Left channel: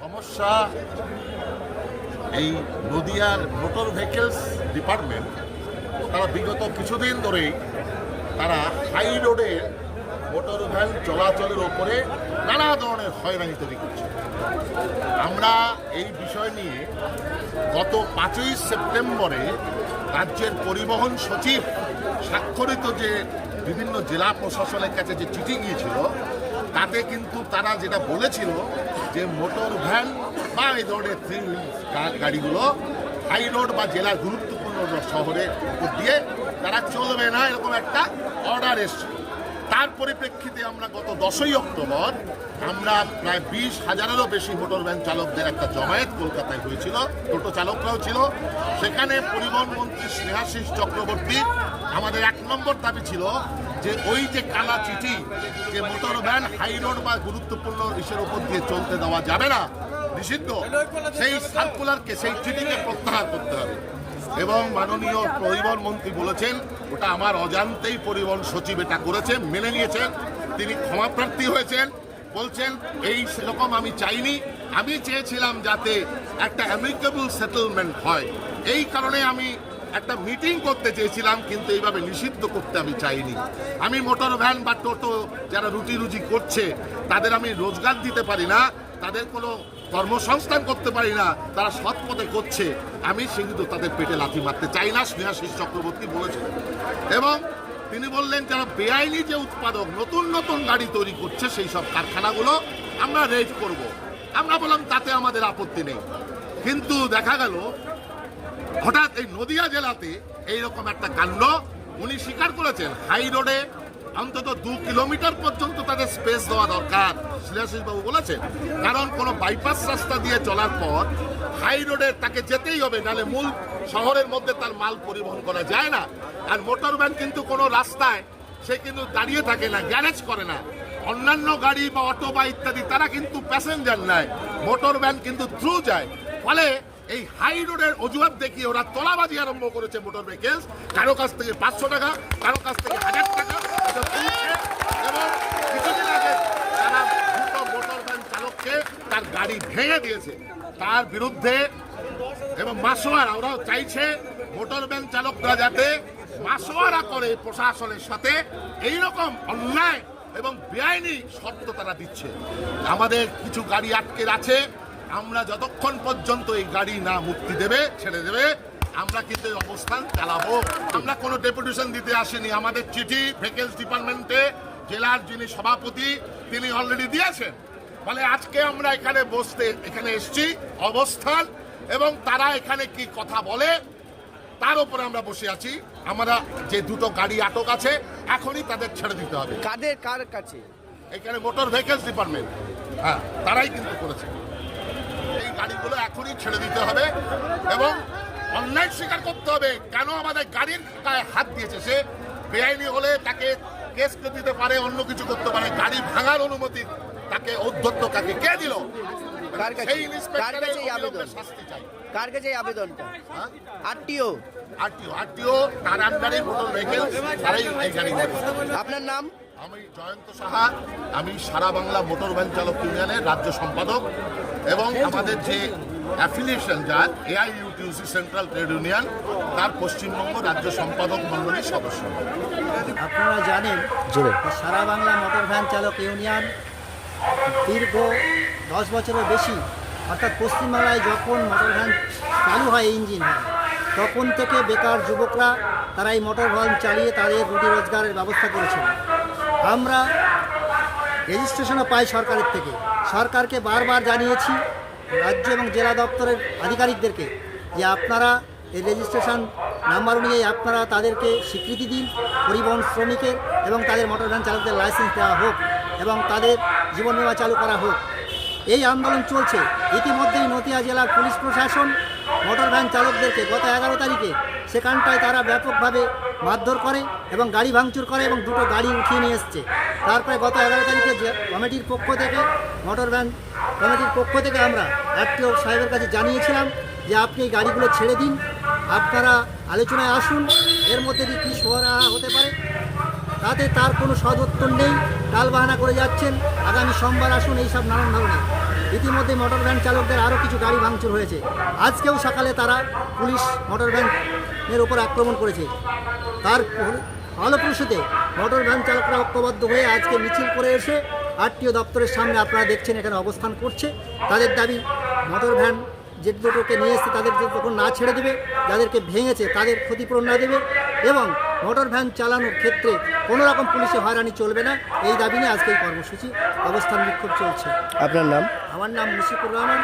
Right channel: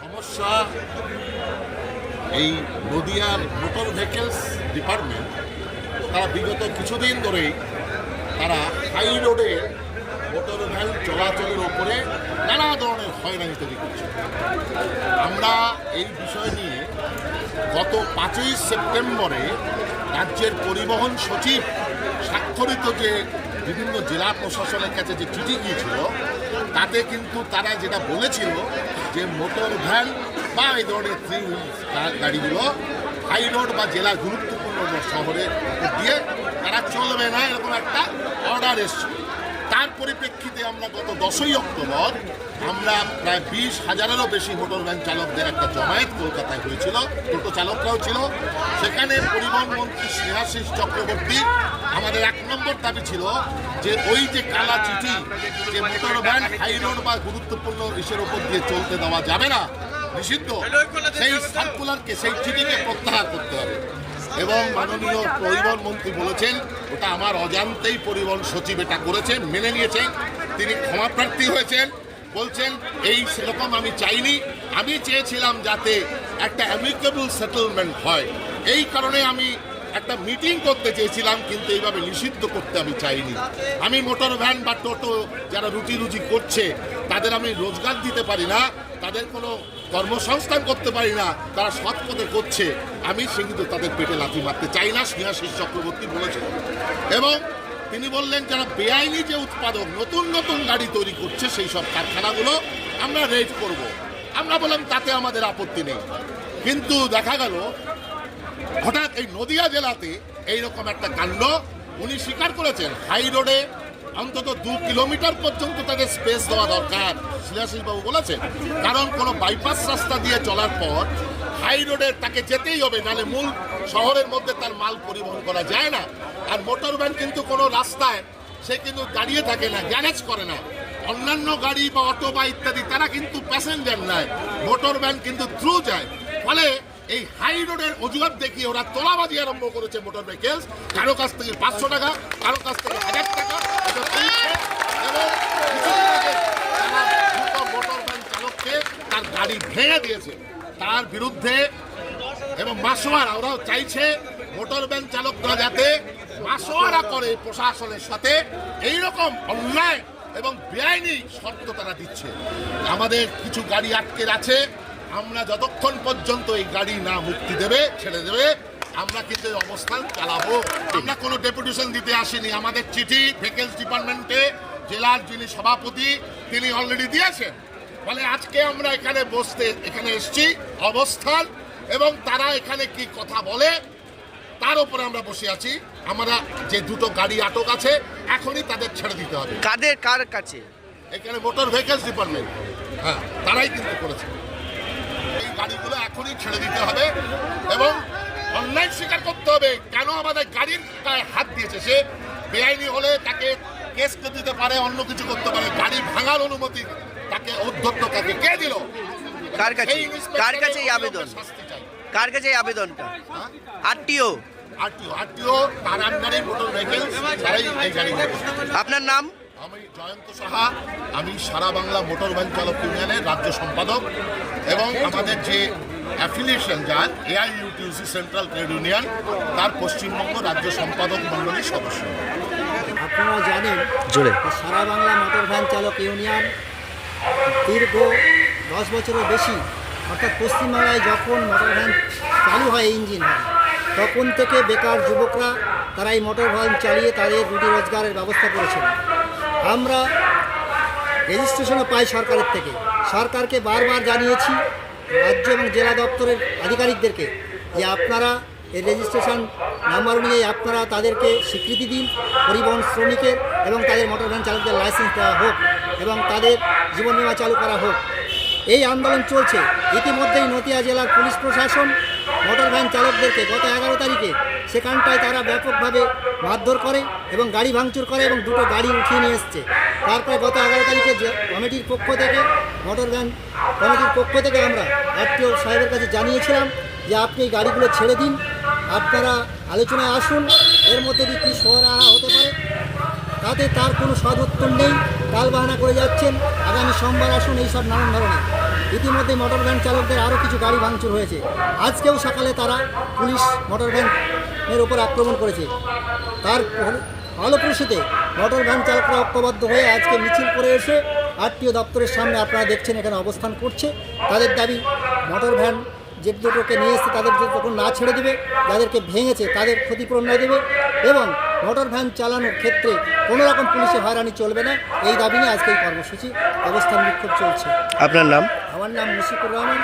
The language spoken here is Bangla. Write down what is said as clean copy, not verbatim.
সমস্যা এই নদিয়ার মোটর ভেহিকলস ডিপার্টমেন্ট তারা বিগত কিছুদিন ধরেই তারা হাই রোডে মোটর ভ্যান চলাচলের ওপরে নানা ধরনের হয়রানি তৈরি করছে। আমরা এই বিষয় নিয়ে গত 5ই সেপ্টেম্বরে রাজ্যের পরিবহন সচিব স্বাক্ষরিত যে বিভিন্ন জেলা প্রশাসনের কাছে যে চিঠি গিয়েছিল তাতে কিন্তু তারা যেটা বলেছিল যে মোটর ভ্যান বা এই ধরনের থ্রি হুইল গাড়িগুলো হাই রোড বা জেলার গুরুত্বপূর্ণ শহরের উপর দিয়ে তারা চলবে না, এরকম একটা অর্ডার এসছে। তার পরিপ্রেক্ষিতে আমরা গত 10ই অক্টোবর আমরা প্রায় 20,000-এরও বেশি মোটর ভ্যান চালকদের একটা জমায়েত কলকাতায় হয়েছিল, টোটো চালকরাও ছিল। সেখানে পরিবহন মন্ত্রী স্নেহাশিস চক্রবর্তী আমাদের 1 নম্বর দাবি ছিল যে ওই যে কালা চিঠি যে মোটর ভ্যান হাই রোড বা গুরুত্বপূর্ণ ইসের উপর দিয়ে চলতে দেওয়া যাবে না, নিষিদ্ধ, সেই সার্কুলারকে সেই চিঠিকে প্রত্যাহার করতে হবে। এবং মাননীয় পরিবহন মন্ত্রী বলেছেন ওটা আমার অজান্তেই পরিবহন সচিব এটা করেছে, মেনে নিয়েছেন, তিনি ক্ষমাপ্রার্থী হয়েছেন। বলছেন এই সেরকম আমি চাইনি, আমি চেয়েছিলাম যাতে একটা অ্যামিকেবল সেটেলমেন্ট হয়, এই কারণে আমি একটা মিটিং করতে চেয়েছিলাম, কিন্তু এইভাবে নিষিদ্ধ করতে আমি চাইনি। আমি মোটর ভ্যান বা টোটো যারা রুটি রুজি করছে তাদের আমি রোজগার দিতে পারি না, তাদের কোনো কর্মসংস্থান করতে পারি না, তারা সৎ পথে করছে, আমি সে কিন্তু তাদের পেটে লাথি মারতে চাই না, স্নেহাশিস চক্রবর্তী বলেছিলেন। এবং তিনি বললেন যারা বেআইনি যে উৎপাদক নতুন নতুন গাড়ি তৈরি করছে সেই সব কারখানাগুলো আমরা রেড করব। আমরা বললাম তাতে আমাদের আপত্তি নেই, কিন্তু দেখা গেল হঠাৎ এই নদিয়া জেলাতে এইরকম একটা কাণ্ড। উনি স্বীকার করেছেন হাই রোডে অন্তত 2 কিলোমিটার পর্যন্ত তাদের স্পেস দেওয়া দরকার, শ্রেয়াশিসবাবু বলেছেন, কারণ কোনো বাইপাস রাস্তা দিয়ে চলার পর হাই রোডে তাকে যেতেই হবে, নাহলে মূল শহরের মধ্যে তার মাল পরিবহন করা যায় না। আর মোটর ভ্যান কিন্তু কোনো রাস্তায় সে কিন্তু দাঁড়িয়ে থাকে না, গ্যারেজ করে না। অন্যান্য গাড়ি বা অটো বা ইত্যাদি তারা কিন্তু প্যাসেঞ্জার নেয়, মোটর ভ্যান কিন্তু থ্রু যায়। ফলে এই হাই রোডের অজুহাত দেখিয়ে ওরা তোলাবাজি আরম্ভ করেছে মোটর ভেহিকলস, কারো কাছ থেকে 500 টাকা, কারো কাছ থেকে 1000 টাকা, এবং কিছুদিন আগে তারা দুটো মোটর ভ্যান চালককে তার গাড়ি ভেঙে দিয়েছে। তার বিরুদ্ধে এবং মাসোয়ারা, ওরাও চাইছে মোটর ভ্যান চালকরা যাতে মাসোয়ারা করে প্রশাসনের সাথে, এইরকম অন্যায় এবং বেআইনি শর্ত তারা দিচ্ছে। আমাদের কিছু গাড়ি আটকে আছে, আমরা যতক্ষণ পর্যন্ত এই গাড়ি না মুক্তি দেবে, ছেড়ে দেবে, আমরা কিন্তু এই অবস্থান চালাবো। আমরা কোনো ডেপুটেশন দিতে আসিনি, আমাদের চিঠি ভেহিকলস ডিপার্টমেন্টে জেলার যিনি সভাপতি তিনি অলরেডি দিয়েছেন। ফলে আজকে আমরা এখানে এসছি অবস্থান, এবং তারা এখানে কি কথা বলে তার উপরে আমরা বসে আছি। আমরা যে দুটো গাড়ি আটক আছে এখনই তাদের ছেড়ে দিতে হবে। কার কাছে? এখানে মোটর ভেহিকলস ডিপার্টমেন্ট, হ্যাঁ, তারাই কিন্তু করেছে। এই গাড়িগুলো এখনই ছেড়ে দিতে হবে এবং অন্যায় স্বীকার করতে হবে কেন আমাদের গাড়ির গায়ে হাত দিয়েছে। সে বেআইনি হলে তাকে কেস দিতে পারে, অন্য কিছু করতে পারে। গাড়ি ভাঙার অনুমতি তাকে অধ্যত্ত কাকে কে দিল? কার কাছে এই আবেদন? শাস্তি চাই। কার কাছে এই আবেদনটা? আরটিও তার আন্ডারে মোটর ভেহিকলস, তারাই এই গাড়ি। আপনার নাম? আমি জয়ন্ত সাহা, আমি সারা বাংলা মোটর ভ্যান চালক ইউনিয়নের রাজ্য সম্পাদক, এবং আমাদের যে অ্যাফিলিয়েশন যার AIUTUC সেন্ট্রাল ট্রেড ইউনিয়ন, তার পশ্চিমবঙ্গ রাজ্য সম্পাদক মণ্ডলীর সদস্য। আপনারা জানেন জোরে সারা বাংলা মোটর ভ্যান চালক ইউনিয়ন দীর্ঘ 10 বছরের বেশি, অর্থাৎ পশ্চিমবাংলায় যখন মোটর ভ্যান চালু হয়, ইঞ্জিন হয়, তখন থেকে বেকার যুবকরা তারা এই মোটর ভ্যান চালিয়ে তাদের রুটি রোজগারের ব্যবস্থা করেছিল। আমরা রেজিস্ট্রেশনও পাই সরকারের থেকে, সরকারকে বারবার জানিয়েছি, রাজ্য এবং জেলা দপ্তরের আধিকারিকদেরকে, যে আপনারা এই রেজিস্ট্রেশন নাম্বার অনুযায়ী আপনারা তাদেরকে স্বীকৃতি দিন, পরিবহন শ্রমিকের এবং তাদের মোটর ভ্যান চালকদের লাইসেন্স দেওয়া হোক এবং তাদের জীবন বীমা চালু করা হোক। এই আন্দোলন চলছে। ইতিমধ্যেই নদিয়া জেলার পুলিশ প্রশাসন মোটর ভ্যান চালকদেরকে গত 11 তারিখে সেখানটায় তারা ব্যাপকভাবে মারধর করে এবং গাড়ি ভাঙচুর করে এবং দুটো গাড়ি উঠিয়ে নিয়ে এসছে। তারপরে গত 11 তারিখে কমিটির পক্ষ থেকে, মোটর ভ্যান কমিটির পক্ষ থেকে আমরা আরটিও সাহেবের কাছে জানিয়েছিলাম যে আপনি এই গাড়িগুলো ছেড়ে দিন, আপনারা আলোচনায় আসুন, এর মধ্যে দিয়ে কী সরবরাহ হতে পারে। তাতে তার কোনো সদুত্তর নেই, টালবাহানা করে যাচ্ছেন, আগামী সোমবার আসুন, এইসব নানান ধরনের। ইতিমধ্যে মোটর ভ্যান চালকদের আরও কিছু গাড়ি ভাঙচুর হয়েছে। আজকেও সকালে তারা পুলিশ মোটর ভ্যানের উপর আক্রমণ করেছে। তার ফলপ্রসূতে মোটর ভ্যান চালকরা ঐক্যবদ্ধ হয়ে আজকে মিছিল করে এসে আরটিও দপ্তরের সামনে আপনারা দেখছেন এখানে অবস্থান করছে। তাদের দাবি মোটর ভ্যান যে দুটোকে নিয়ে এসে তাদের যখন না ছেড়ে দেবে, যাদেরকে ভেঙেছে তাদের ক্ষতিপূরণ না দেবে এবং মোটর ভ্যান চালানোর ক্ষেত্রে কোনো রকম পুলিশে হয়রানি চলবে না, এই দাবি নিয়ে আজকে এই কর্মসূচি অবস্থান বিক্ষোভ চলছে। আপনার নাম? আমার নাম মুশিকুর রহমান।